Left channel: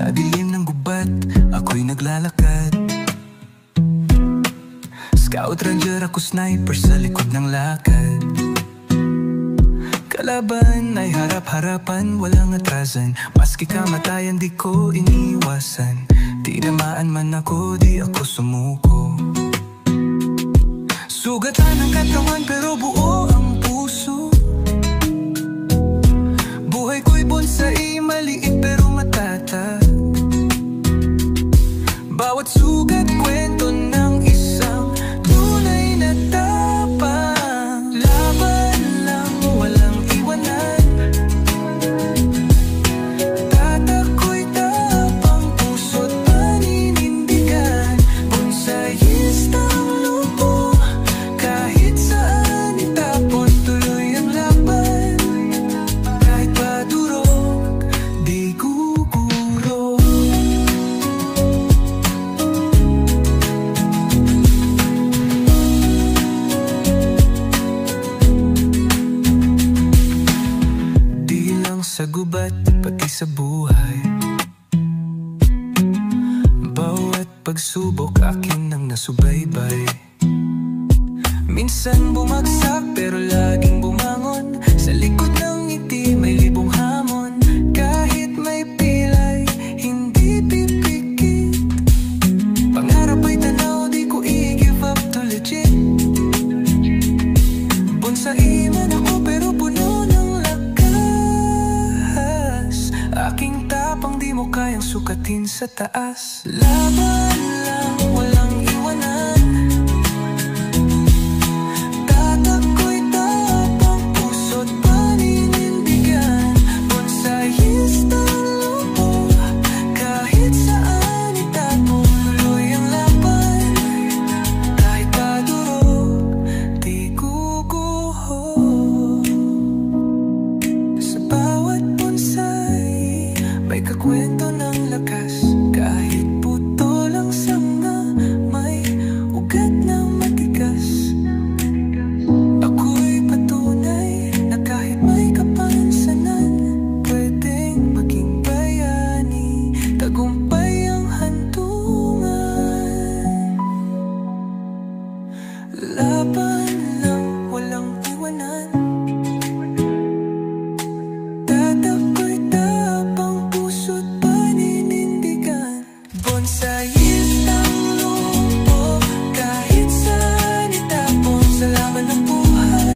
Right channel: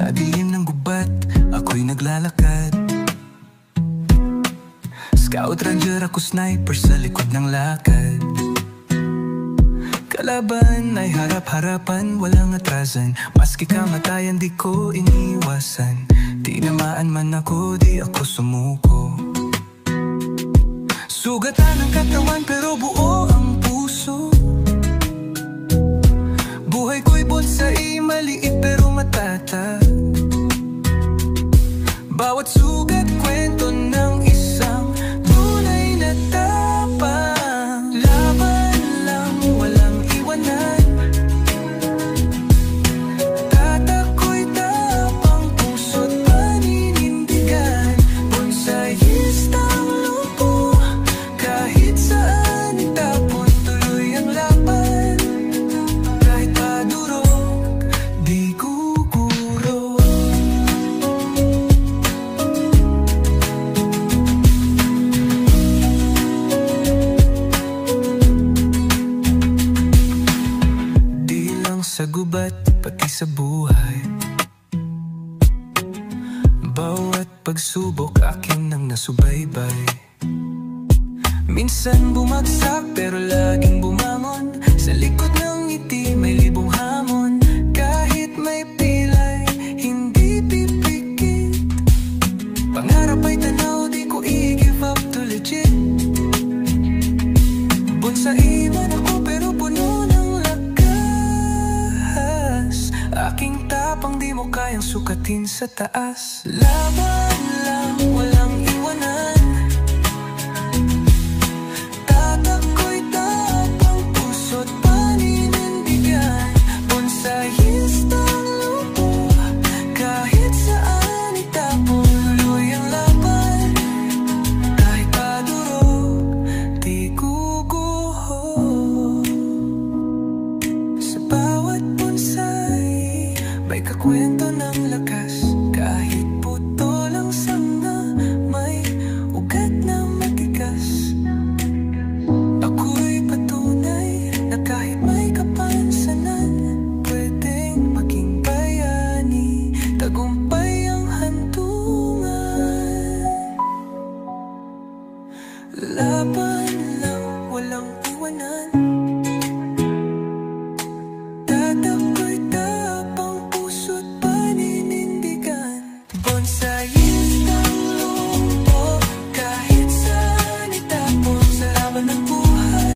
Sa dilim ng gubat, ako'y naglalakad. Scout ranger ako, sniper sa likod ng lakad. Kalaban ay harap-harapan, walang atrasan. Maski kamatayan di ko iniwasan. Tinamaan man ako, di ako sumuko. Sugatan ang katawan pero buo ang puso. Buhay ko'y bonsai, maliit pero matatag. Bawat sugat kwento ng isang tunay na tapang. Laban lang, walang iwanan. Tatako'y tapang, puso't paninindigan. Bonsaiistang lupo, kahit saan itapon, tuloy ang laban. Kahit padurog, di guguro. Di lang sa gubat, pati sa buhay. Bawat pagsubok akin ang nasubaybay. Minsan bumagsak pero laging bumangon. Sa likod ng ngiti may libong hamon. Kahit may pilay, hindi pipikit. Pangarap ay tanaw, di ko i-give up to legit. Bonsai man ako pero puno ng lakas. Aking tapang di mo kayang sukatin sa taas. Laban lang, walang iwanan. Tatako'y tapang, puso't paninindigan. Bonsaiistang lupo, kahit saan itapon, tuloy ang laban. Kahit padurog, di guguho. Sa bawat bonsai, may kakwento ng lakas. Kahit puto lang sanga, may ugat na matigas. Ako'y patunay na kahit may kapansanan, pwedeng maging